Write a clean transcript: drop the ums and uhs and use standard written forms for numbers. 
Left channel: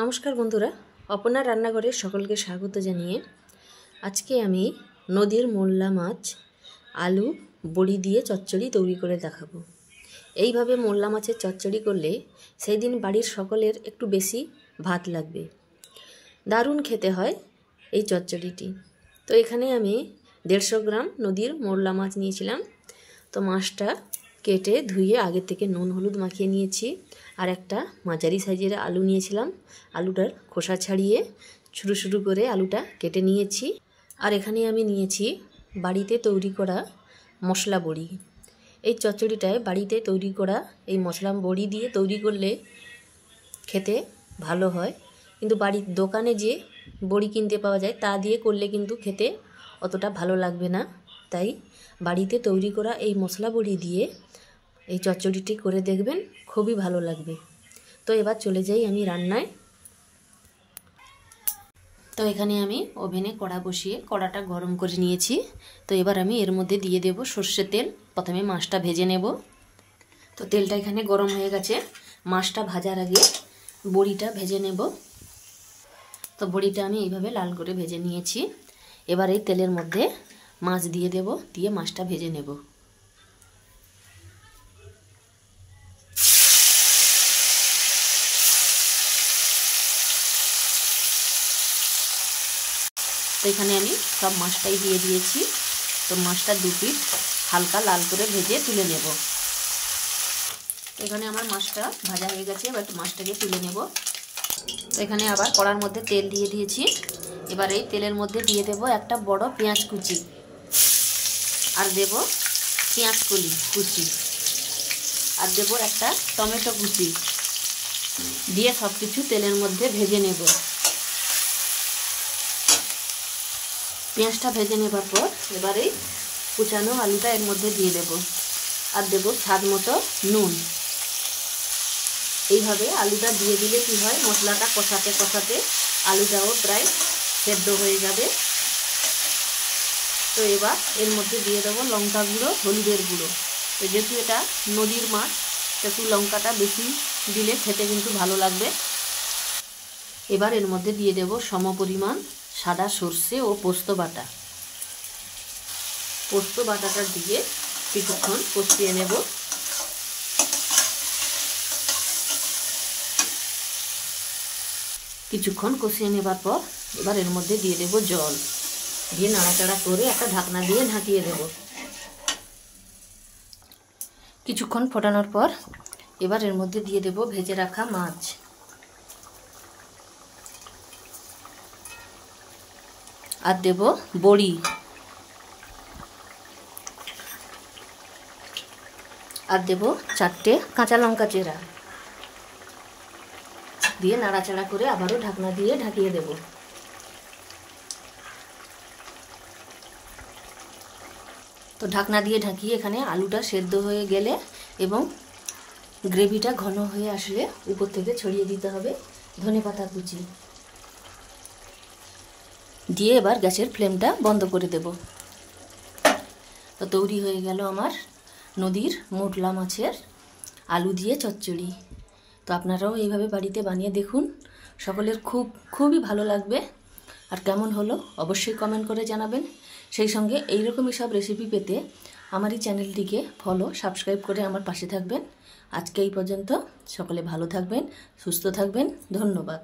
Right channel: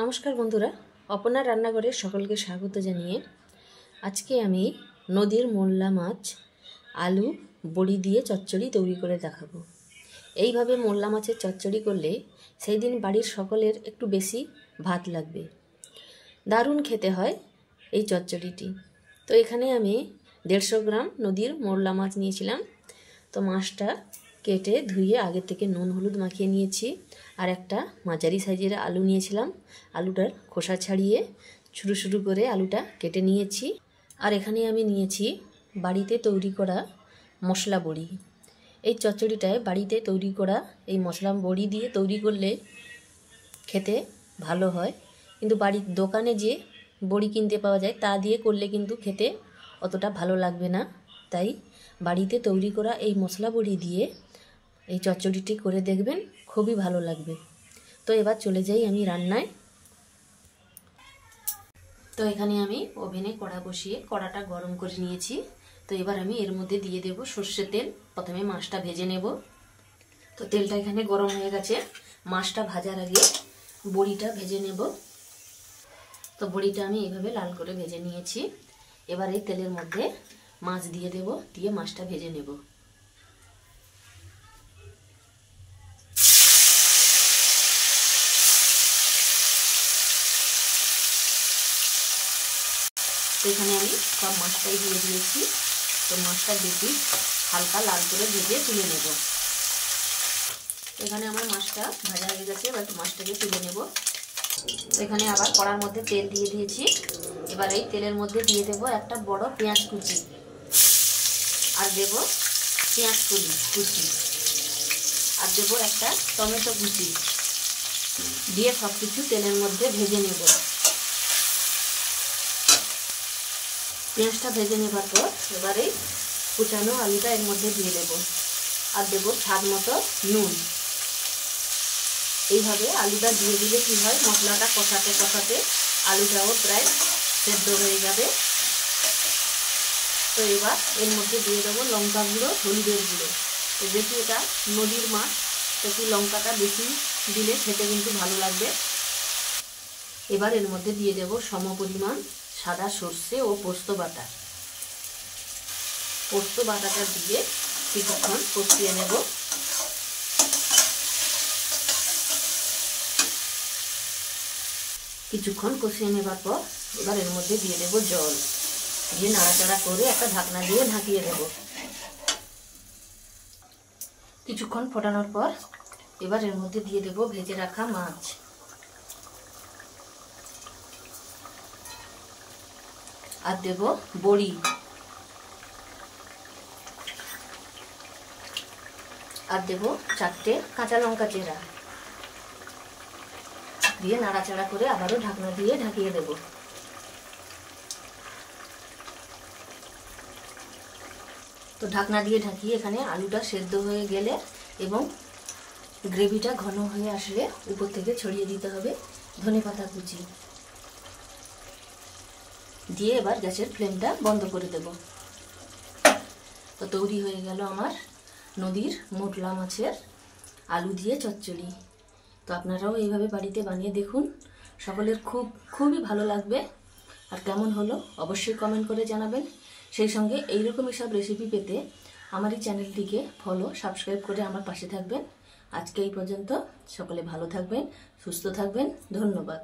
নমস্কার বন্ধুরা, অপনার রান্নাঘরে সকলকে স্বাগত জানিয়ে আজকে আমি নদীর মোল্লা মাছ আলু বড়ি দিয়ে চচ্চড়ি তৈরি করে দেখাবো। এইভাবে মোল্লা মাছের চচ্চড়ি করলে সেই দিন বাড়ির সকলের একটু বেশি ভাত লাগবে। দারুণ খেতে হয় এই চচ্চড়িটি। তো এখানে আমি 150 গ্রাম নদীর মোল্লা মাছ নিয়েছিলাম। তো মাছটা কেটে ধুয়ে আগে থেকে নুন হলুদ মাখিয়ে নিয়েছি। আর একটা মাঝারি সাইজের আলু নিয়েছিলাম। আলুটার খোসা ছাড়িয়ে ছোটো ছোটো করে আলুটা কেটে নিয়েছি। আর এখানে আমি নিয়েছি বাড়িতে তৈরি করা মশলা বড়ি। এই চচ্চড়িটায় বাড়িতে তৈরি করা এই মশলা বড়ি দিয়ে তৈরি করলে খেতে ভালো হয়, কিন্তু বাড়ির দোকানে যে বড়ি কিনতে পাওয়া যায় তা দিয়ে করলে কিন্তু খেতে অতটা ভালো লাগবে না। তাই বাড়িতে তৈরি করা এই মশলা বড়ি দিয়ে এই চচ্চড়িটি করে দেখবেন, খুবই ভালো লাগবে। তো এবার চলে যাই আমি রান্নায়। তো এখানে আমি ওভেনে কড়া বসিয়ে কড়াটা গরম করে নিয়েছি। তো এবার আমি এর মধ্যে দিয়ে দেব সর্ষের তেল। প্রথমে মাছটা ভেজে নেব। তো তেলটা এখানে গরম হয়ে গেছে। মাছটা ভাজার আগে বড়িটা ভেজে নেব। তো বড়িটা আমি এইভাবে লাল করে ভেজে নিয়েছি। এবার এই তেলের মধ্যে মাছ দিয়ে দেব, দিয়ে মাছটা ভেজে নেব। তো এখানে আমি সব মাছটাই দিয়ে দিয়েছি। তো মাছটা দুটি হালকা লাল করে ভেজে তুলে নেব। এখানে আমার মাছটা ভাজা হয়ে গেছে। এবার মাছটাকে তুলে নেব। এখানে আবার কড়ার মধ্যে তেল দিয়ে দিয়েছি। এবার এই তেলের মধ্যে দিয়ে দেব একটা বড় পেঁয়াজ কুচি, আর দেব পেঁয়াজ কুচি, আর দেব একটা টমেটো কুচি, দিয়ে সব কিছু তেলের মধ্যে ভেজে নেব। পেঁয়াজটা ভেজে নেবার পর এবারে কুচানো আলুটা এর মধ্যে দিয়ে দেব, আর দেব স্বাদ মতো নুন। এইভাবে আলুটা দিয়ে দিলে কি হয়, মশলাটা কষাতে কষাতে আলুটাও প্রায় সেদ্ধ হয়ে যাবে। তো এবার এর মধ্যে দিয়ে দেবো লঙ্কা গুঁড়ো, হলুদের গুঁড়ো। তো যেহেতু এটা নদীর মাছ, একটু লঙ্কাটা বেশি দিলে খেতে কিন্তু ভালো লাগবে। এবার এর মধ্যে দিয়ে দেব সমপরিমাণ সাদা সর্ষে ও পোস্ত বাটা। পোস্ত বাটাটা দিয়ে কিছুক্ষণ কষিয়ে নেব। কিছুক্ষণ কষিয়ে নেবার পর এবার এর মধ্যে দিয়ে দেব জল, দিয়ে নাড়াচাড়া করে একটা ঢাকনা দিয়ে ঢাকিয়ে দেব। কিছুক্ষণ ফোটানোর পর এবার এর মধ্যে দিয়ে দেব ভেজে রাখা মাছ, আর দেব বড়ি, আর দেব 4টে কাঁচা লঙ্কা চেরা, দিয়ে নাড়াচাড়া করে আবারও ঢাকনা দিয়ে ঢাকিয়ে দেব। তো ঢাকনা দিয়ে ঢাকিয়ে এখানে আলুটা সেদ্ধ হয়ে গেলে এবং গ্রেভিটা ঘন হয়ে আসলে উপর থেকে ছড়িয়ে দিতে হবে ধনেপাতা কুচি, দিয়ে এবার গ্যাসের ফ্লেমটা বন্ধ করে দেব। তো তৈরি হয়ে গেল আমার নদীর মোল্লা মাছের আলু দিয়ে চচ্চড়ি। তো আপনারাও এইভাবে বাড়িতে বানিয়ে দেখুন, সকলের খুবই ভালো লাগবে। আর কেমন হলো অবশ্যই কমেন্ট করে জানাবেন। সেই সঙ্গে এইরকমই সব রেসিপি পেতে আমার এই চ্যানেলটিকে সাবস্ক্রাইব করে আমার পাশে থাকবেন। আজকে এই পর্যন্ত। সকলে ভালো থাকবেন, সুস্থ থাকবেন। ধন্যবাদ।